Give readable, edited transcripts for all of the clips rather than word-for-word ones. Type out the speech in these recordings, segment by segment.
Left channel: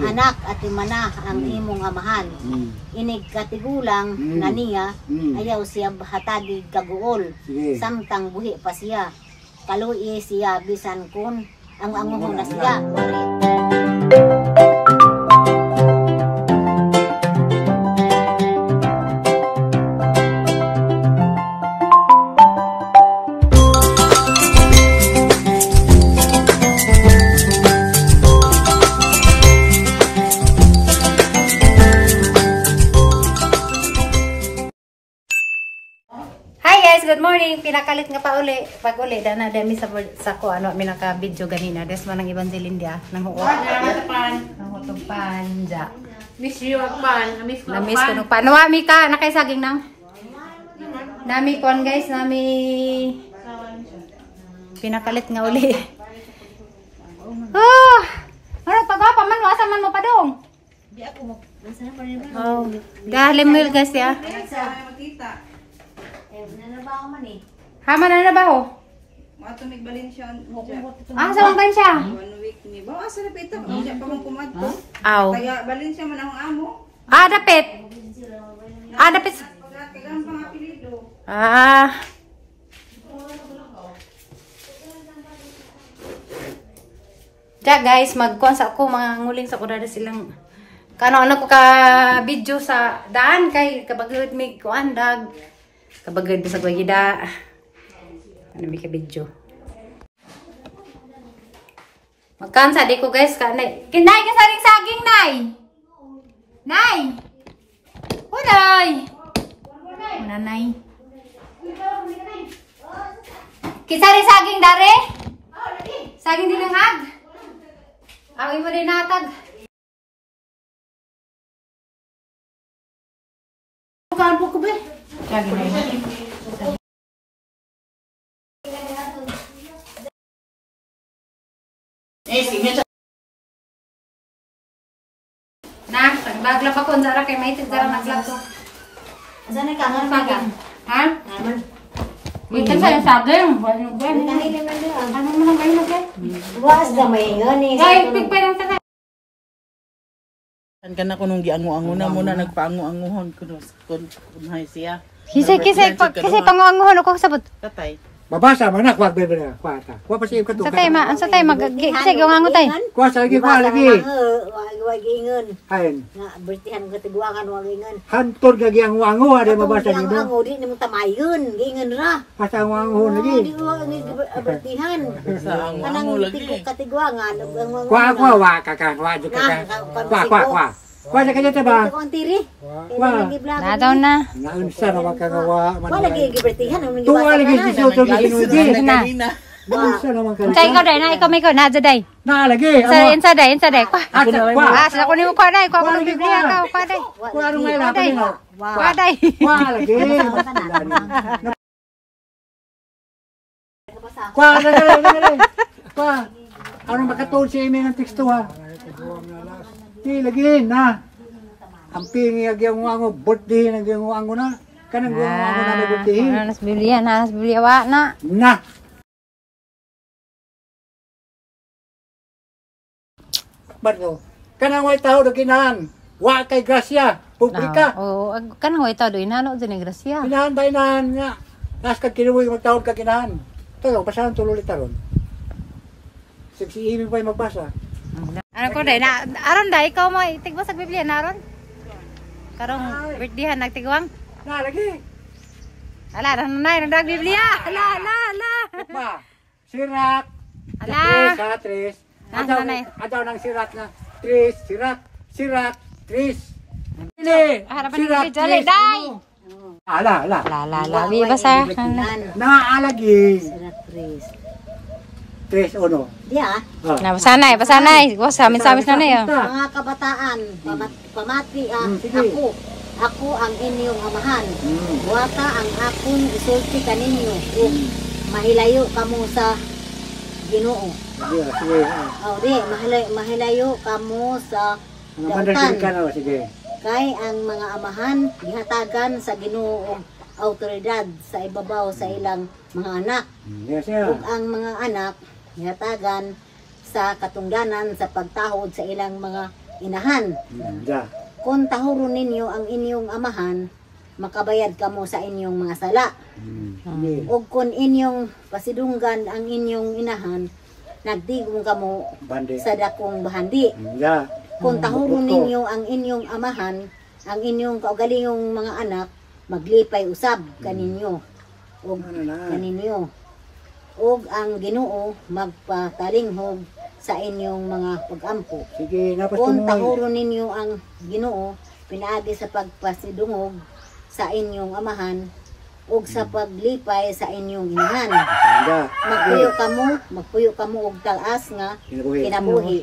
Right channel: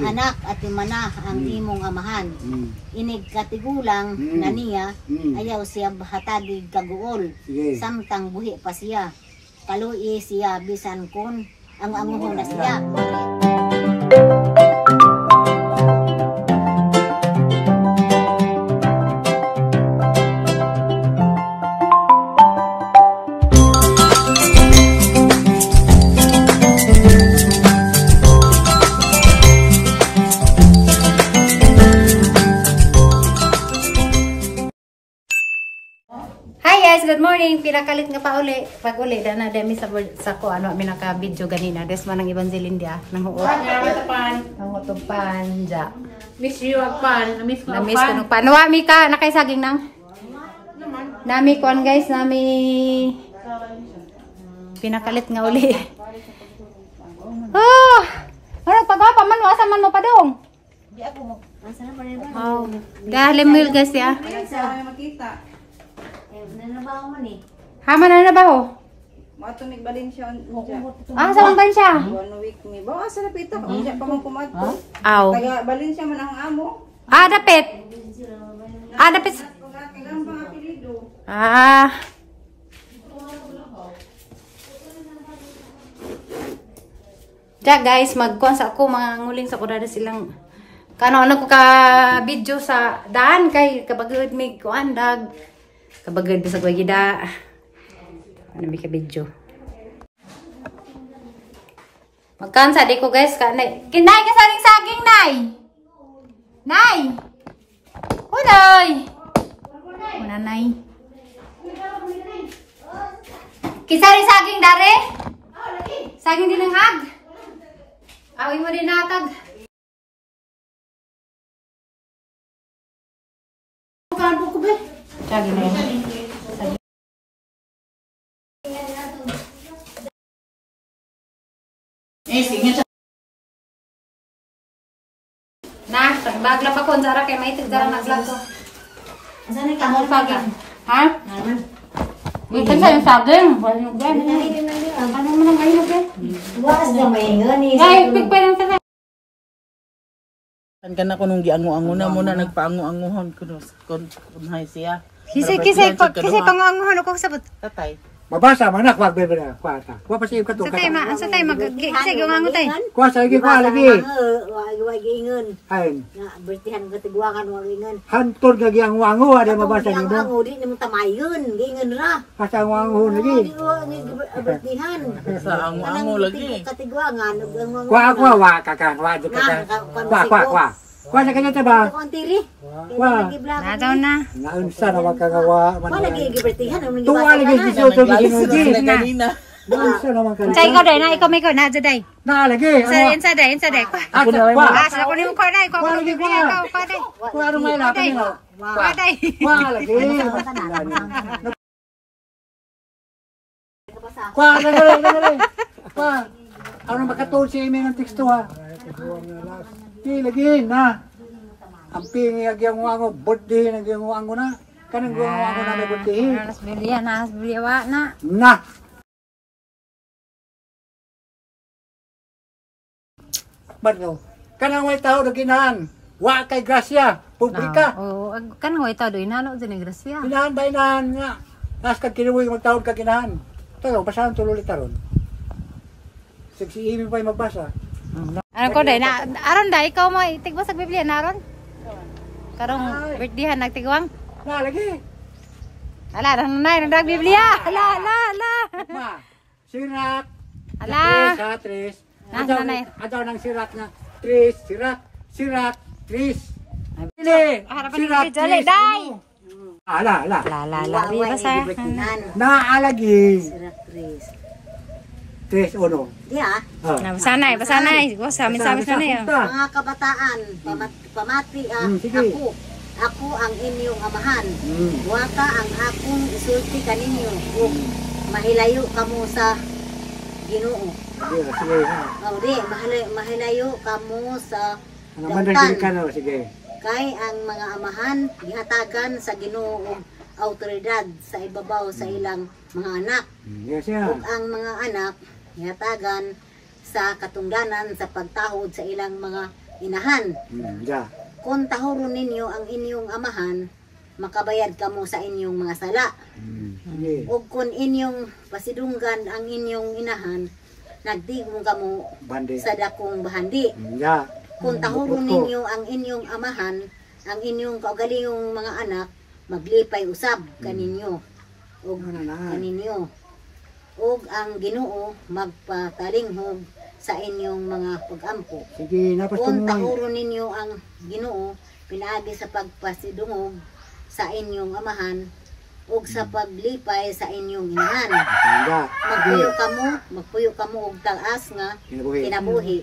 anak at imana ang imong amahan. Inig katigulang na niya, ayaw siya hatagi kaguol. Samtang buhi pa siya. Kalui siya bisan kun ang anguhon na siya. Good morning. Pinakalit nga pa uli. Pag uli, na dami sa ko, ano, minaka-video ganina. Des man ang Evangeline dia. Nang huot. Nang hutong pan. Ja. Miss you ang pan. Namiss ko ang pan. Namiss ko ng pan. Nawami ka. Nakaisaging nang. Nami kon guys. Nami. Pinakalit nga uli. Oh! Ano, pag-apa man. Asa man mo pa dong? Di ako mo. Oh. Dahil mil guys ya. Makita. Nanabaho man eh. Hama na nabaho? Matunig balin siya. Ah, sa bang siya? 1 week ni. Bawa sa napita. Kaya pa mong kumadto. Aw. Kaya balin siya man ang amo. Ah, dapit. Ah, dapit. Kailangan pang apelido. Ah. Ja guys, magkuhan sa ako. Mga nguling sa kurada silang. Kano ko ka video sa daan kay kabagod may kuhan dag. Kabagod sa gwagida. Ano may ka video. Magkansa di ko guys kanay. Kinay ka saring saging nay. Nay. Unay. Una nay. Kisaring saging dare? Saging dilangag. Awi mo din natag. Paano ko ba? Saging na yun. Nah, pagbagla pa kon sara kay maitig dara naglag ko. Asa na ka mo saging? Ha? Minsan sa yung saging, wala yung gani. Ano man ang gani na Duwas na may ngani. Guys, pig pa yung saging. Kan kana ko nung giango-ango na muna nagpaango-angohon kun hay siya. Kisay panguanguhon ako sabot. Tatay. Mabasa man na kwag bebe na kwata. Kwa pa siya kato. Sa tay ma, sa tay kisay gango tay. Kwa sa lagi kwa lagi. Wag ingon. Hain. Na bertihan katiguangan wag ingon. Hantor gagi ang wango ada mabasa Ang dito. ango di nimo tamayon, gingon ra. Asa ang wango lagi. Di ko bertihan. Sa ango lagi. Katiguangan Kwa wa kakan wa ka. Kwa. Kwa sa kanya ba? Ito ang tiri. Wah. Na daw na. Naunsa na wakagawa man. Wala lagi gibertihan ang Tuwa lagi si Soto ginuji. Na. Naunsa na man kan. Chay ko day na ikaw may ko na day. Na lagi. Insa day. Kwa. Ah, sa ko nimo kwa day. Kwa ko Biblia ka kwa day. Kwa ro may na. Kwa day. Kwa lagi. Kwa lagi. Kwa. Ano makatulog si Amy ng teksto ha? Di lagi na. Ang pingi agyang wango birthday agyang wango na. Kanang wango na birthday. Nas Biblia wa na. Na. Bato. Kanang way tao do kinahan. Wa kay grasya, publika. Oh, kanang way tao do inano din grasya. Kinahan ba inahan nga. Nas kag kinuwi magtaon ka kinahan. Tayo basahan tuloy taron. Si Amy pa magbasa. Ano ko day na aron day ikaw mo itigbo sa Biblia na aron? Karong birthday nagtigwang. Na lagi. Ala na nag Biblia. Ala. Ma. Sirat. Ala. Tres. Nanay. Adaw ng sirat na. Tres, sirat, tres. Dili. Harapan ni video day. Ala. La. Bi basa. Naalagi. Tres uno. Diya. Na basanay. Wa samis na niyo. Mga kabataan, pamati sige. Ako ang inyong amahan. Wata ang akong isulti kaninyo. Mahilayo kamo sa Ginoo. Sige. Di, mahilayo kamo sa Mandali ka na, sige. Kay ang mga amahan gihatagan sa Ginoo og awtoridad sa ibabaw sa ilang mga anak. Yes, Ug ang mga anak gihatagan sa katungdanan sa pagtahod sa ilang mga inahan. Ya. Kung tahuron ninyo ang inyong amahan, makabayad kamo sa inyong mga sala. Sige. O kung inyong pasidunggan ang inyong inahan, nagtigong kamo Bande. sa dakong bahandi. Ya. Kung tahuron ninyo ang inyong amahan, ang inyong kaugalingong mga anak, maglipay usab kaninyo. O Ano na? kaninyo. O ang Ginoo magpatalinghog sa inyong mga pag-ampo. Sige, napas Kung tumoy. tahuron ninyo ang Ginoo, pinaagi sa pagpasidungog sa inyong amahan, ug sa paglipay sa inyong inahan. Ya. Magpuyo kamo og taas nga Kinabuhi. kinabuhi.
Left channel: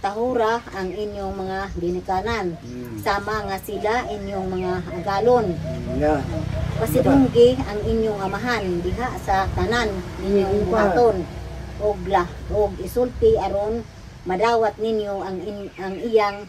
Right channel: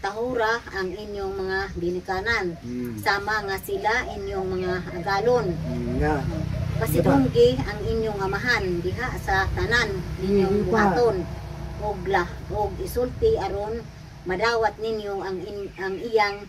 Tahura ang inyong mga ginikanan. Sama nga sila inyong mga agalon. Ya. Pasidunggi ang inyong amahan diha sa tanan ninyong buhaton. Og isulti aron madawat ninyo ang iyang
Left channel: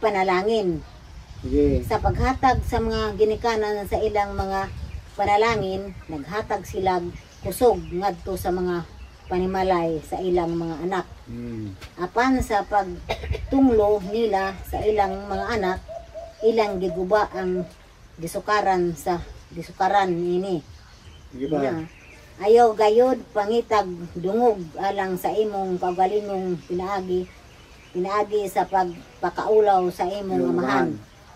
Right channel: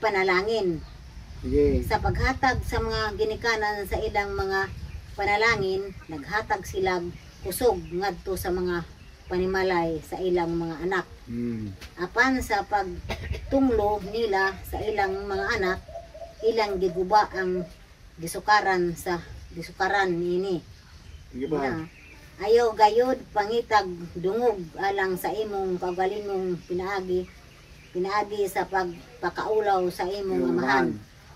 panalangin. Sige. Sa paghatag sa mga ginikanan sa ilang mga panalangin, naghatag sila kusog ngadto sa mga panimalay sa ilang mga anak. Apan sa pagtunglo nila sa ilang mga anak, ilang giguba ang gisukaran nini. Sige ba? Na, ayaw gayod pangitag dungog alang sa imong kaugalingong pinaagi sa pagpakaulaw sa imong amahan.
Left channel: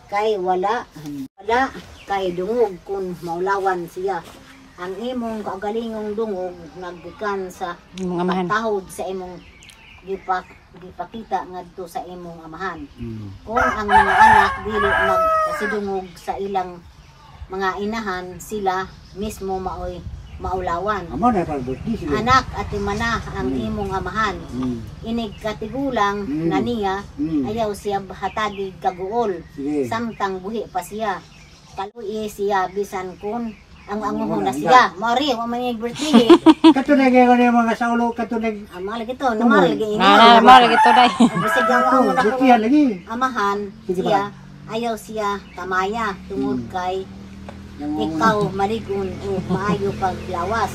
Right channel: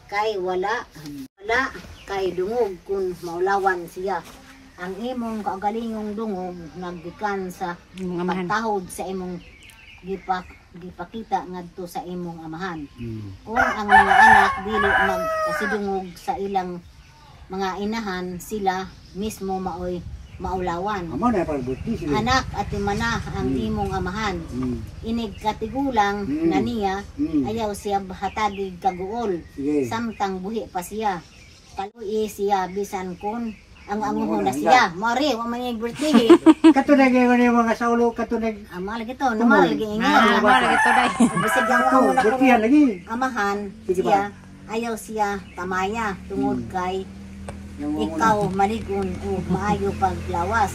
Kay wala kay dungog kun maulawan siya. Ang imong kaugalingong dungog naggikan sa Mga amahan. pagtahod sa imong gipakita ngadto sa imong amahan. Kung ang mga anak dili magpasidungog sa ilang mga inahan, sila mismo maoy maulawan. Amo na pag birthday sige. Anak at imana ang imong amahan. Inig katigulang na niya, ayaw siya hatagi kaguol. Sige. Samtang buhi pa siya. Kaluy siya bisan kun ang anguhon na siya. Mori, wa man yung birthday. Katunay kayo ni mga saulo katunay. Amal lagi to, namal lagi inyo. Mara gito day. Bisig ang amo na Birthday lagi. amahan Sige siya, ayaw siya tamaya tungod kay ikaw maligon o maayo paglawas.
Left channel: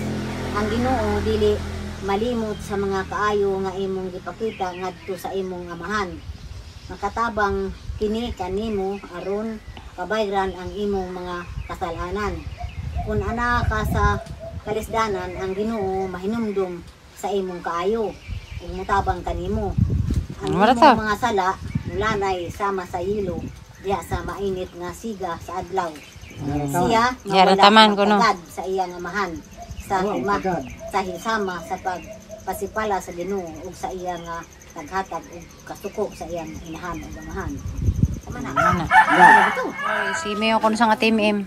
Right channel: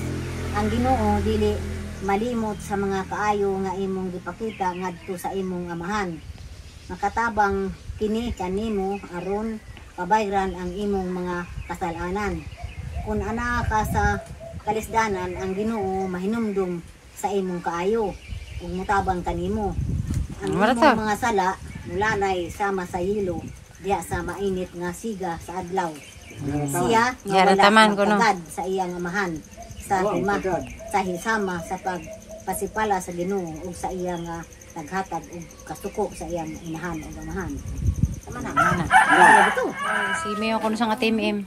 Ang Ginoo dili malimot sa mga kaayo nga imong gipakita ngadto sa imong amahan. Makatabang kini kanimo aron pabayran ang imong mga kasalanan. Kung ana ka sa kalisdanan, ang Ginoo mahinumdum sa imong kaayo ug mutabang kanimo. Ang Marata. imong mga sala mulanay sama sa yelo diha sa mainit nga siga sa adlaw. Siya Yara taman ko, no? magpagad sa iyang amahan sa hisama sa pagpasipala sa Ginoo ug sa iyang naghatag ug kasuko sa iyang inahan ug amahan. Tama na. Mana. Ano ito? Si Mayo ko sa nga team M.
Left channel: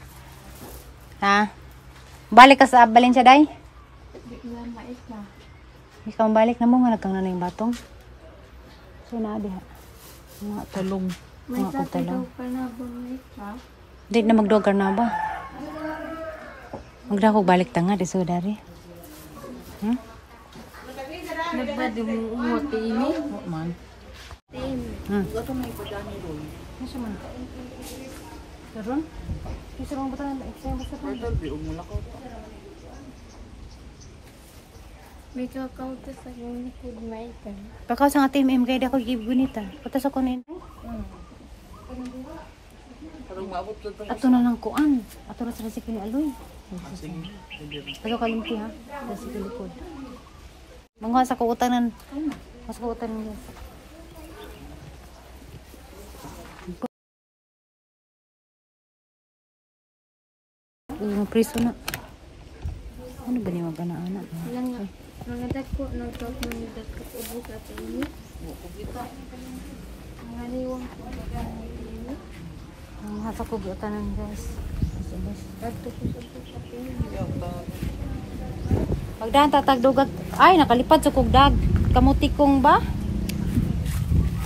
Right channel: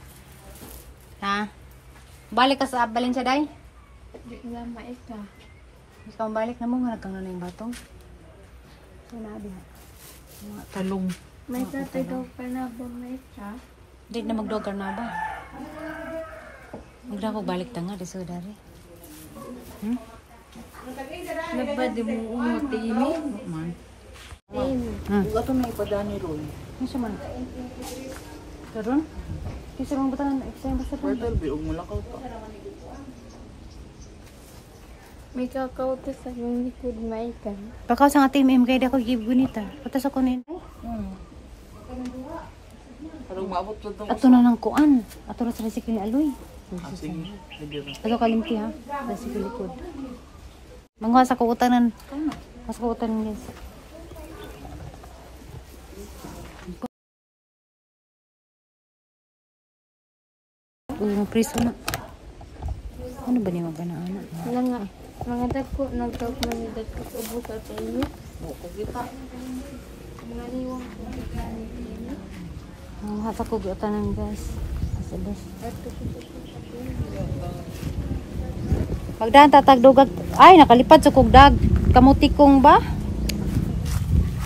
Ha? Balik ka sa Valencia day? Ikaw balik na mo nga nagkang nanay batong. So na diha. Talong. May tatay daw ka na ba may ka? Di na magdogar na ba? Magdako balik ta nga di so dari. Nagbadi mo umot ini? Man. Gato na ipadani ron. Ano man? Karon? Kasi mga butang eksaya basta to. Pwede biog mo lakaw pa. May kakauto sa likod may ka. Pagkaw sa nga team M kay di ako give gunita. Patas ako nin. Ato na ng kuan. Ato na sa resikil aloy. Sige. Sige. Ato kalimti ha. Resikil likod. Mangwa sa kuutanan. Mas kuutanan guys. Priso na. Ano ba niya magana-ana? Mga dako, nagtawag mga dako sa ubos at ini. Mga liwang ko ini. Ang hasa ko tanan guys. Asabas. Pagdaan tatagdugag. Ay, nakalipad sa kugdag. Kamutikong ba?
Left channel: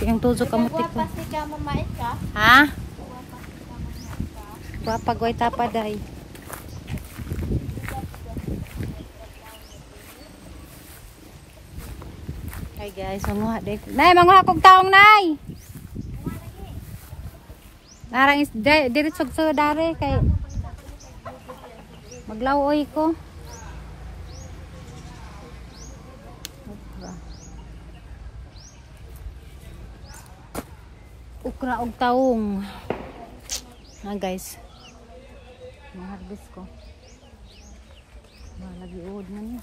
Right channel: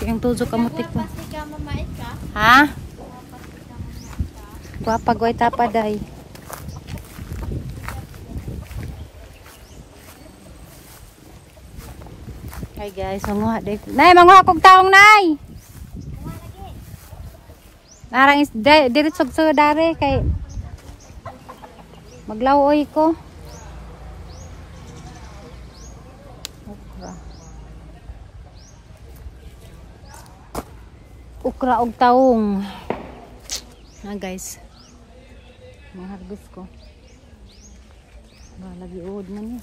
Tingang tuzo kamutikong. Ha? Guwapa gway tapaday. Hi guys, manguha day. Nay, manguha kog taong nay. Narang is diretsog sa dare kay maglawoy ko. Okra. okra og taong. Na guys. Mga harvest ko. Ba lagi uod na niya.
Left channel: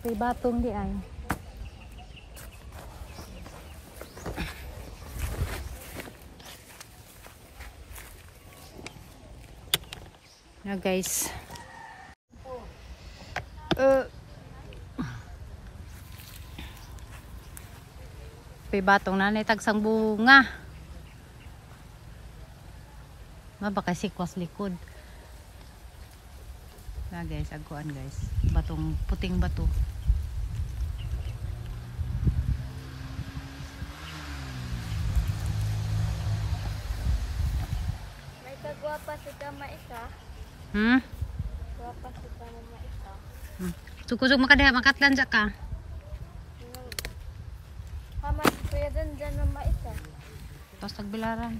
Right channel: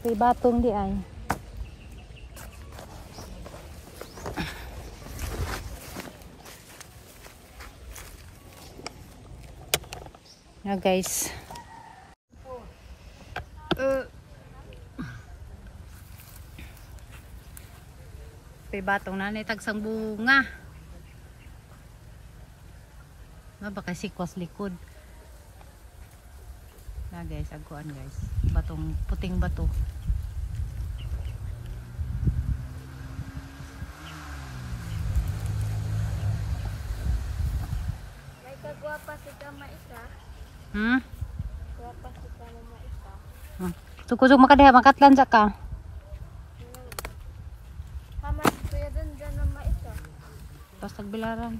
May batong di ay. Na guys. May batong na tagsang bunga. Baka sikwas likod. Na guys, aguan guys. Batong puting bato. May kagwapa si Kama Ika. Gwapa si Kama Ika. Tukusog makadeha makatlan sa ka. Hamas kuya dyan Mama Ika. Tapos tagbilaran.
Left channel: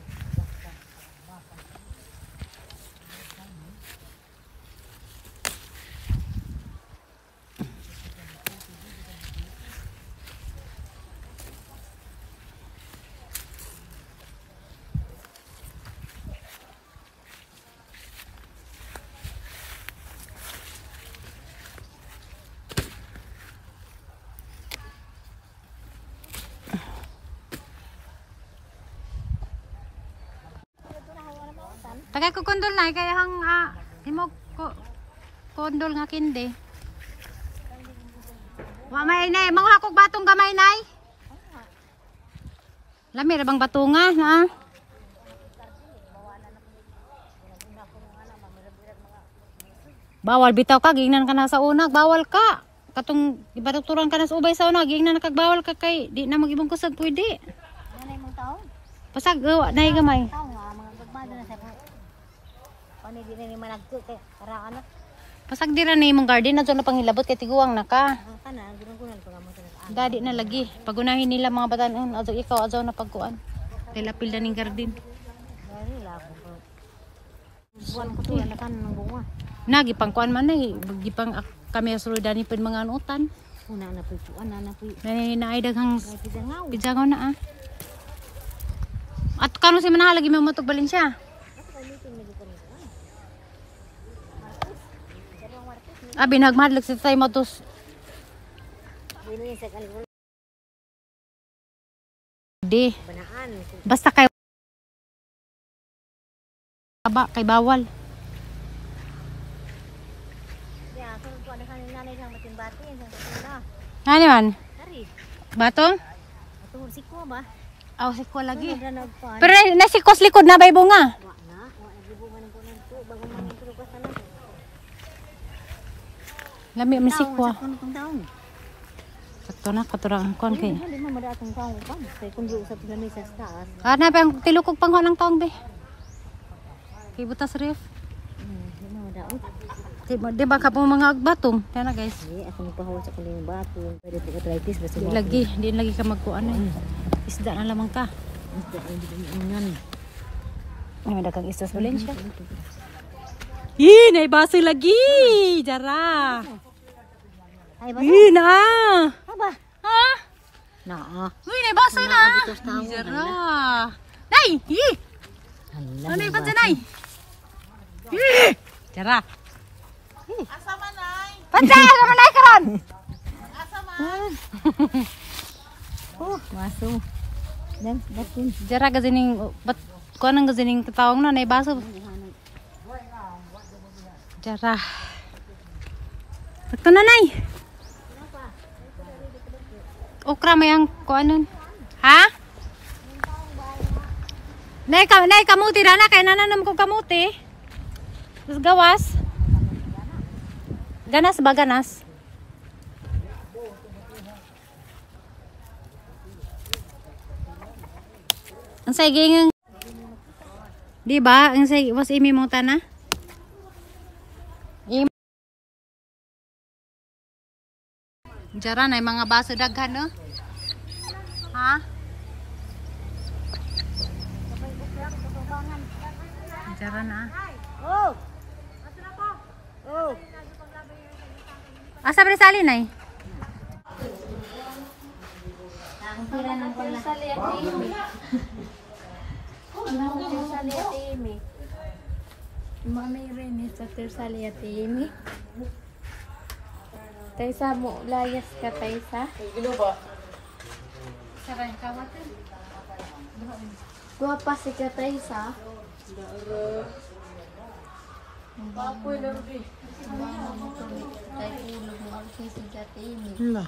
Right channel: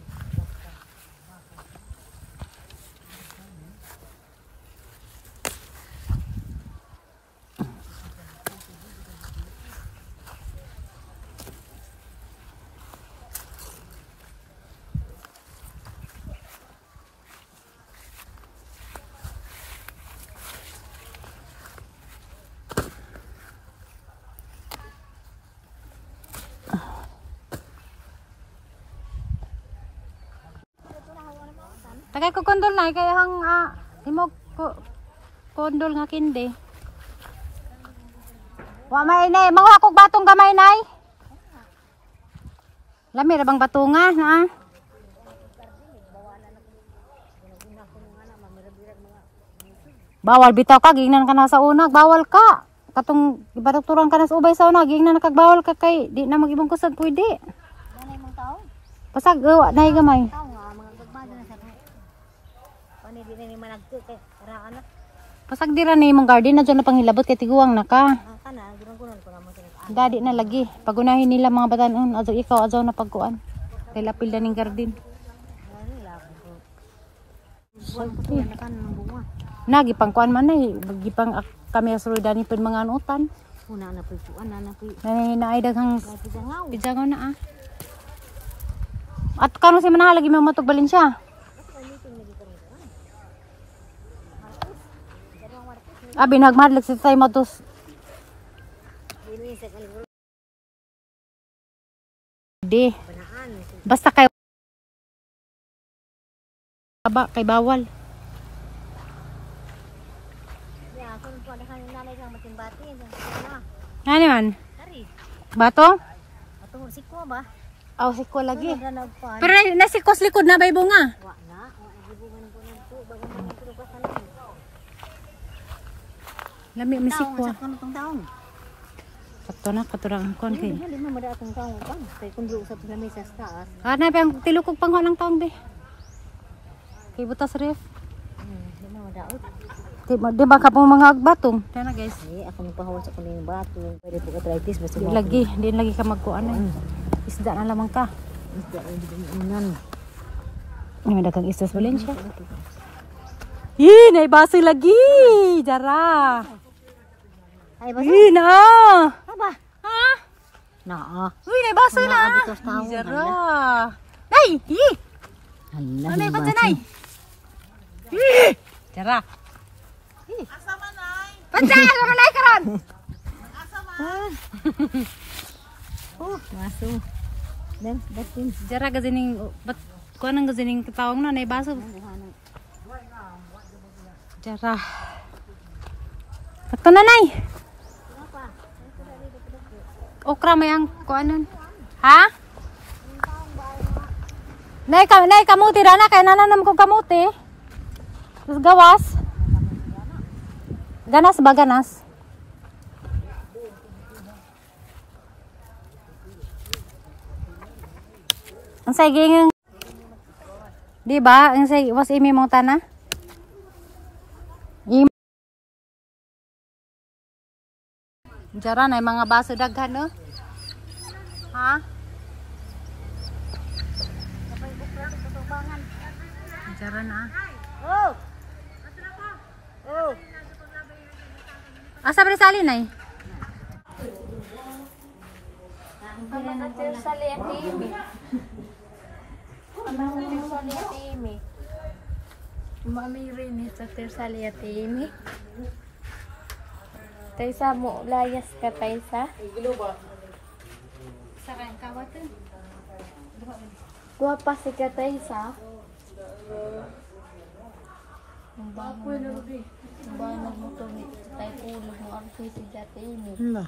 Tagay ko kondol na kaya hang imo ko kondol nga kindi. Wa may nay, manguha kog batong gamay nay. Lami ra bang batunga na? Bawal bitaw ka gingnan ka na sa unag, bawal ka. Katong ibadoktoran ka na sa ubay sa unag, gingnan na kagbawal ka kay di na magibong kusag pwede. Pasag nay gamay. Di na ni managko kay para anak Pasag dira ni imong garden na na panghilabot kay tiguang na ka. kana gunang-gunang pa mo sa Gadi na lagi. Pagunahin nila mga batanon, azo ikaw azo na pagkuan. Kay lapil na ning garden. buwan ko to yan kan bunga. Nagi pangkuan man nay, gipang kami asuludan ni pud mga anutan. Una na puy na puy. Naay daghang Pisangaw. pijangaw na At kano si manaha lagi mo matog balin siya. Abi nagmadlag si tay motos. Di. Basta kay aba kay bawal. Ano man? Bato? Ato sikwa ba? Aw sikwa lagi. Ra nagpan. Pero nasikos likod na bay bunga. Wa na gibungan ko nito Lami man sikwa. Sa tong taon. Sakto na katurang kon kay. Dili na madatong taon ka. Kay kun di usab na mesa sa taas. Ana pa ang tilukog pangho ng taong be. Kay butas ref. Di ba ka po mga batong? Tana guys. Di ako nagpahaw sa kuning bato. Pwede po arthritis basta Di lagi, di lagi ka magkuan ay. Isda na lamang ka. Isda ay di unan. Ni may dagang istos balin siya. Ih, nay baso lagi. Jara. Ay Ih, na. ba? Ha? Na. Uy, nay baso na. Bitos tawo. Jara. Nay, ih. Ano pa sa nay? Ih. Jara. Asa man ay? Pansa, sama nay karon. Oh, maso. Dan batin. Jara gazining bat kuan ang gazining katawang na nay baso. Jara. Ito na nay. Okra may ang kuanon. Ha? Nay kamuti ra na kay nananam ko kamuti. Terus gawas. Ganas ba ganas? Ang saging di ba? Ang saging was imi mong tana? Jara na mga baso daghan no? Ha? Jara na. Oh. Asa ba salin ay? Mami rin sa tersali at imi. Taysa mo, layas ka taysa. Gilo ba? Sarang kawatan. Guwapa si ka taysa. Papoy na rin. Ay ulo mo ang sisi at imi. Hala.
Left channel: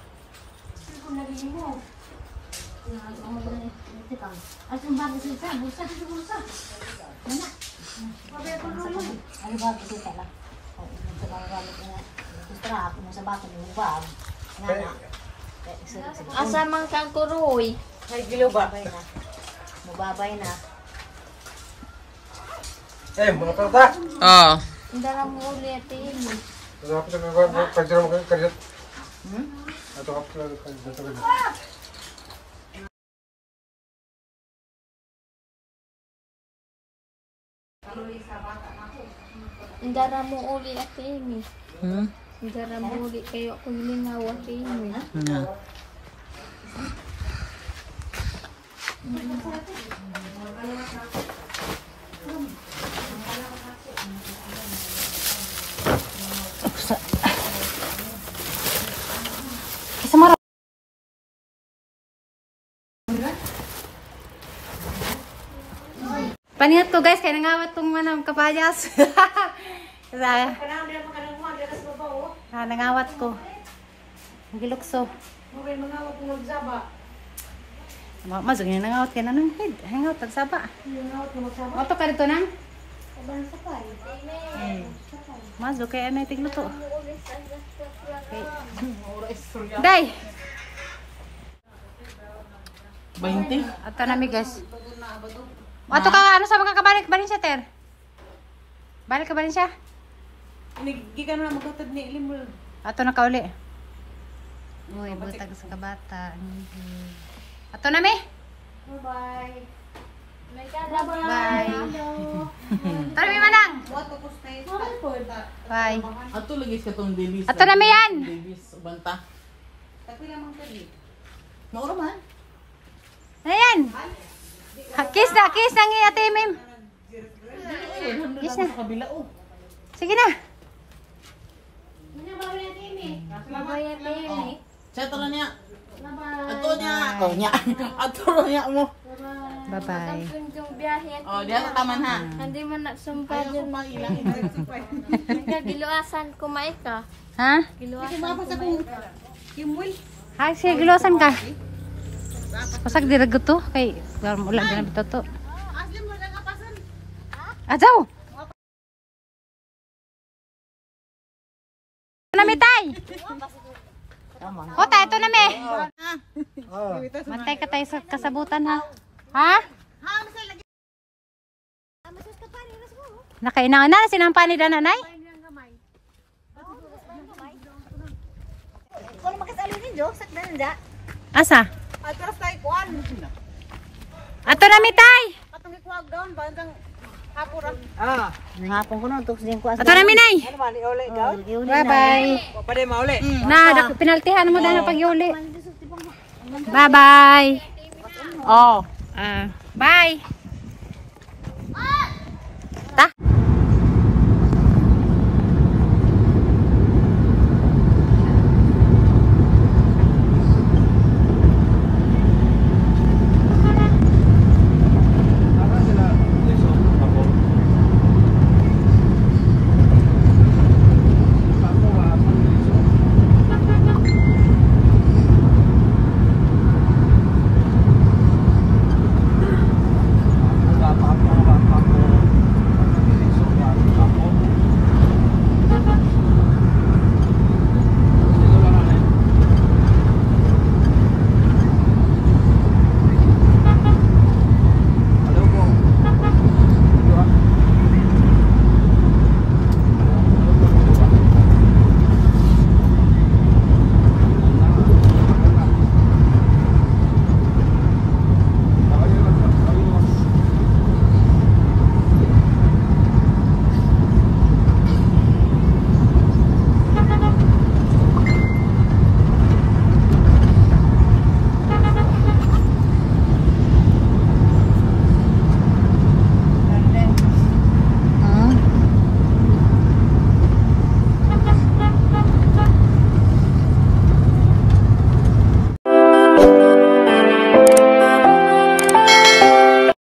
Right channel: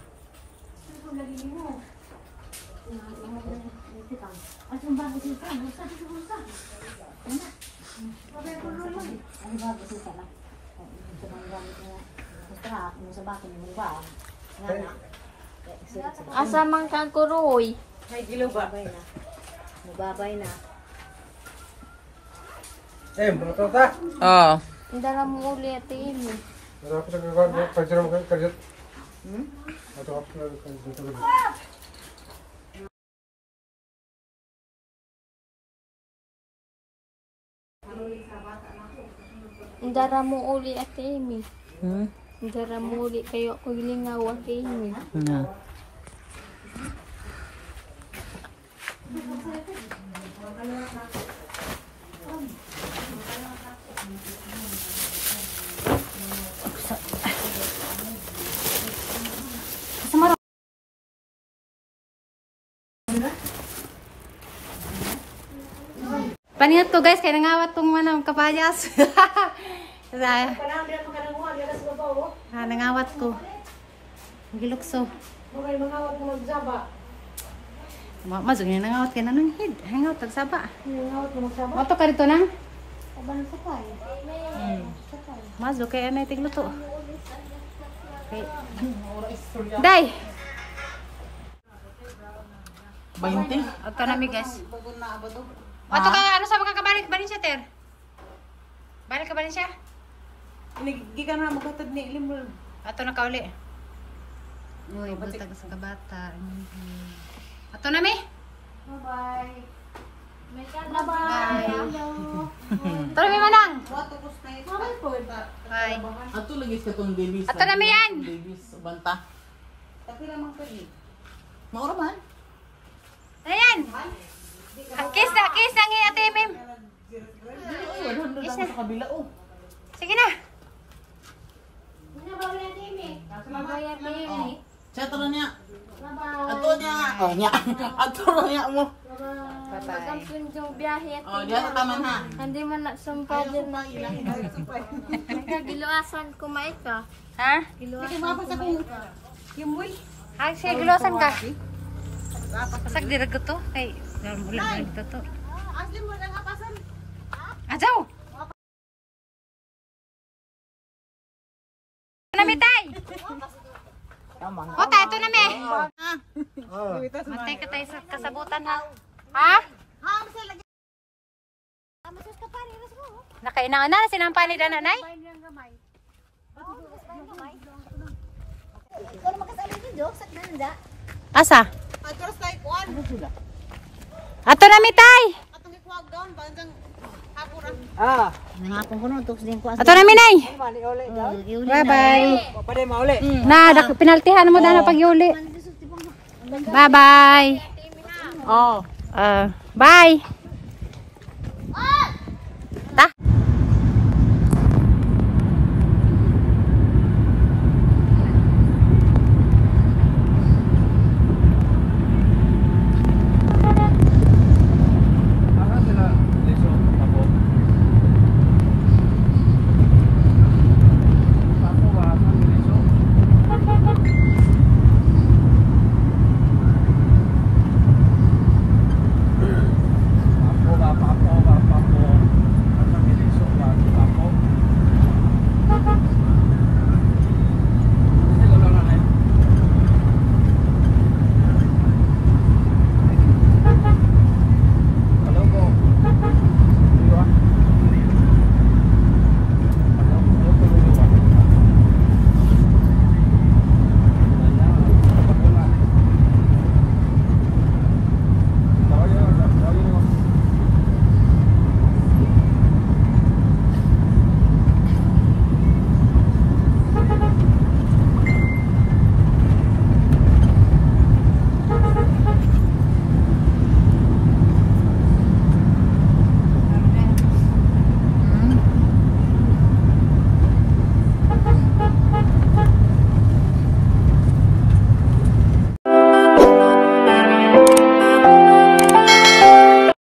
Asong bago sila, busa dito busa. Ano ba kasi tala? Sa mga gamit niya. Strap mo sa bako ng bag. Nga. Asa man kang kuroy. May gilo ba? Mababay na. Mga tata. Oo. Hindi na mo uli at imi. Dapat na pagjarong kerja. Ito kapag dito. Hindi na mo uli at imi. Hindi na mo uli kayo paglingaw at imi. Na. Samara. Paningat ko guys, kaya nangawat tong manang kapayas. Kaya nangawat ko. Gilukso. Masuk ni nangawat ka na ng head. Hangout tagsaba. Mato ka dito nang? Masuk kaya na tigluto. Day. 20? Ato na mi guys. Ato ka ano sa mga kabalik balin siya ter? Balik ka balin siya? Hindi ka na magkatad ni Limul. Ato na kauli. Uy, butag sa kabata. Ato na mi? Bye. Bye. Ato na mi manang. Bye. Ato lagi sa itong Davis. Ato na mi yan. Davis, banta. Maura man. Ayan. Kiss na ngi ate Mim. 100 lang sa kabila, oh. Sige na. Babay at imi. Chat na niya. Ato niya. Oh, niya. Ato na niya mo. Pagkampun yung biyahe at Oh, diya sa taman ha. hindi mo na sumpa dyan na. Nagkagiluasan kumain ka. Ha? Giluasan Ha, sige gilosan ka. Pasak dirago to kay ulan na bitaw to. Ajaw. Namitay. Kota ito na me. Matay ka tayo sa kasabutan ha. Ha? Nakainangan na sinampa ni nanay. Asa? Ato na mitay. Ngapon ko no tok din ko. Ato na minay. Bye bye. Na pinaltihan mo na pag yuli. Bye bye. Oh. Bye.